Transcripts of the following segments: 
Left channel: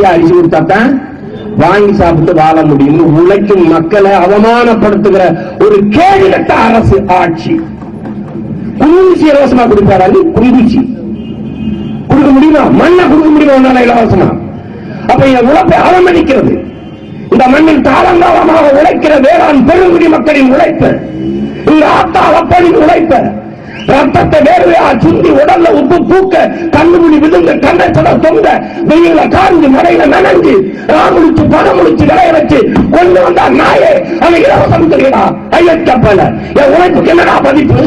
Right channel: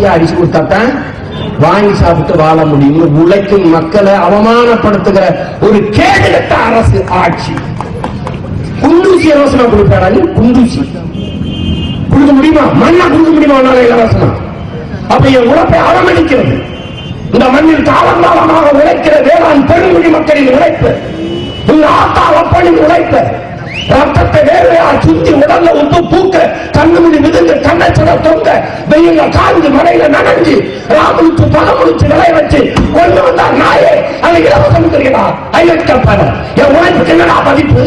பசியா அடிச்சு கொடுத்தாத்தான் வாங்கி சாப்பிட்டு வாழ முடியும் உழைக்கும் மக்களை அவமானப்படுத்துகிற ஒரு கேடுகட்ட அரசு ஆட்சி. குண்டுச்சி இலவசமா கொடுப்பாரா நீ குண்டூசி கொடுக்க முடியுமா? மண்ணை கொடுக்க முடியுமா உன்னால இலவசமா அப்ப என் உழைப்பை அவமதிக்கிறது. இந்த மண்ணில் காலங்காலமாக உழைக்கிற வேளாண் பெருங்குடி மக்களின் உழைப்பு இந்த ஆத்தா அப்பனின் உழைப்பு ரத்தத்தை சுத்தி உடல்ல உப்பு பூக்க கண்ணுமணி மிதுங்க கண்ணச்சட தொங்க வெயில காஞ்சி மழையில நனைஞ்சு ராமுடிச்சு பகமுடிச்சு விளைய வச்சு கொண்டு வந்தா நாயே அதை இலவசம் தெரியுமா? ஐலட் கப்பல என் உழைப்புக்கு என்னடா மதிப்பு?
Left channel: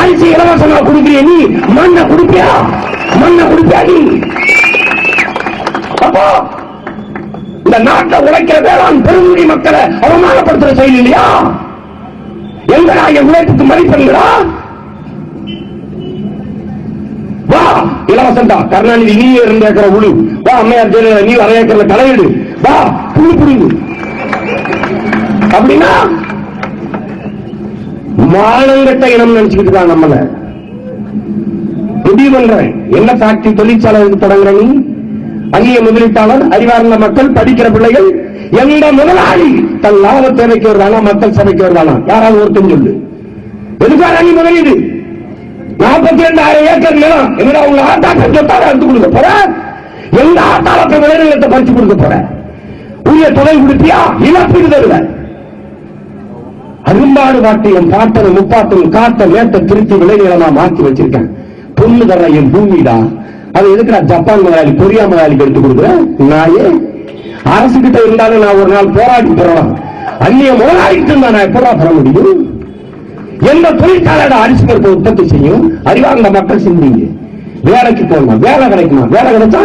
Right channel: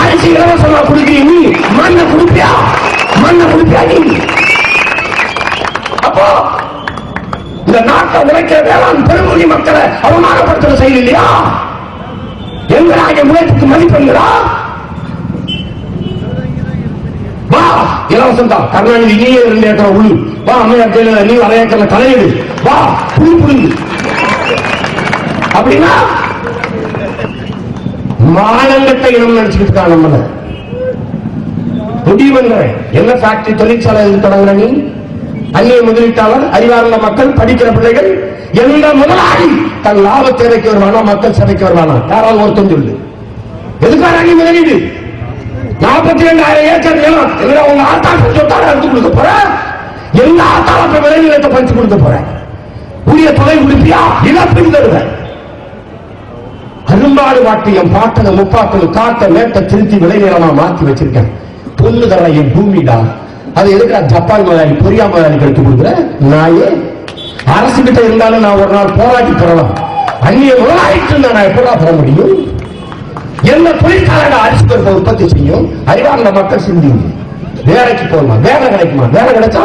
அரிசி இலவசமா கொடுக்கிறீ நீ. மண்ணை கொடுப்பியா? மண்ணை கொடுப்பியா நீ? அப்போ இந்த நாட்டை உழைக்க வேளாண் பெருமுறை மக்களை அவமானப்படுத்துற செயல் இல்லையா? எங்கடா என் உழைப்புக்கு மதிப்பெண்களா வா இலவசம் தான் கருணாநிதி நீ ரெண்டு ஏக்கர் உழு. வா அம்மையார் ஜெயலலிதா நீ அரை ஏக்கர்ல களையிடு வா புழு புடுங்கு அப்படின்னா மானங்கட்ட இனம் நினைச்சுக்கிட்டு தான் நம்மள. முடியும் என்ன ஃபேக்டரி தொழிற்சாலை எதுக்கு தொடங்குற நீ? அந்நிய முதலீட்டாளர் அறிவார்ந்த மக்கள் படிக்கிற பிள்ளைகள் எந்த முதலாளி? தன் லாப தேவைக்கு வருவானா மக்கள் சபைக்கு வருவானா யாராவது ஒருத்தன் சொல்லு. எதுக்காக நீ முதலீடு? நாற்பத்தி ரெண்டாயிரம் ஏக்கர் நிலம் எங்கடா உங்க ஆத்தாக்கள் சொத்தால எடுத்து கொடுக்க போற எங்க ஆத்தாளத்தை விளைநிலத்தை பறிச்சு கொடுக்க போற புதிய தொலை கொடுப்பியா இழப்பீடு தருவ அரும்பாடு பாட்டு என் பாட்டனை காத்த வேட்ட மேட்ட திருத்தி விளைநிலமா மாத்தி வச்சிருக்கேன் பொண்ணு தர என் பூமிடா அது எதுக்கு ஜப்பான் முதலாளி கொரியா முதலாளிக்கு எடுத்து கொடுக்குறேன் நாயே அரசு கிட்ட இருந்தாலும் நான் ஒரு நாள் போராடி பெறலாம். அந்நிய முதலாளிட்டு நான் எப்படா பெற முடியும்? எந்த தொழிற்சாலையில அரிசி பருப்பை உற்பத்தி செய்யும்? அறிவார்ந்த மக்கள் சிந்திங்க வேலைக்கு போகணும். வேலை கிடைக்குமா? வேலை கிடைச்சா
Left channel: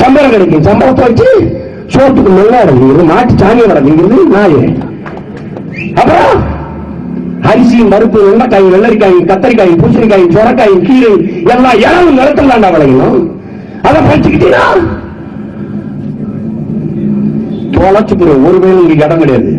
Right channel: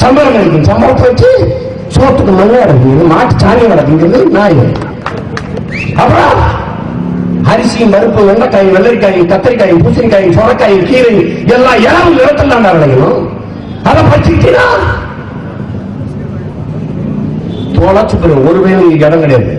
சம்பளம் கிடைக்கும். சம்பளத்தை வச்சு சோத்துக்கு நல்லா இறங்குது மாட்டு சாணி இறங்குறது நாய். அப்புறம் அரிசியும் பருப்பு வெண்டைக்காயும் வெள்ளரிக்காயும் கத்தரிக்காயும் பூசணிக்காயும் சுரக்காயும் கீரை எல்லாம் ஏழு நிறத்தில் தான் கிடைக்கணும் அதை படிச்சுக்கிட்டீங்கன்னா தொலைச்சுக்கிற ஒரு வேலை உங்களுக்கு இடம் கிடையாது.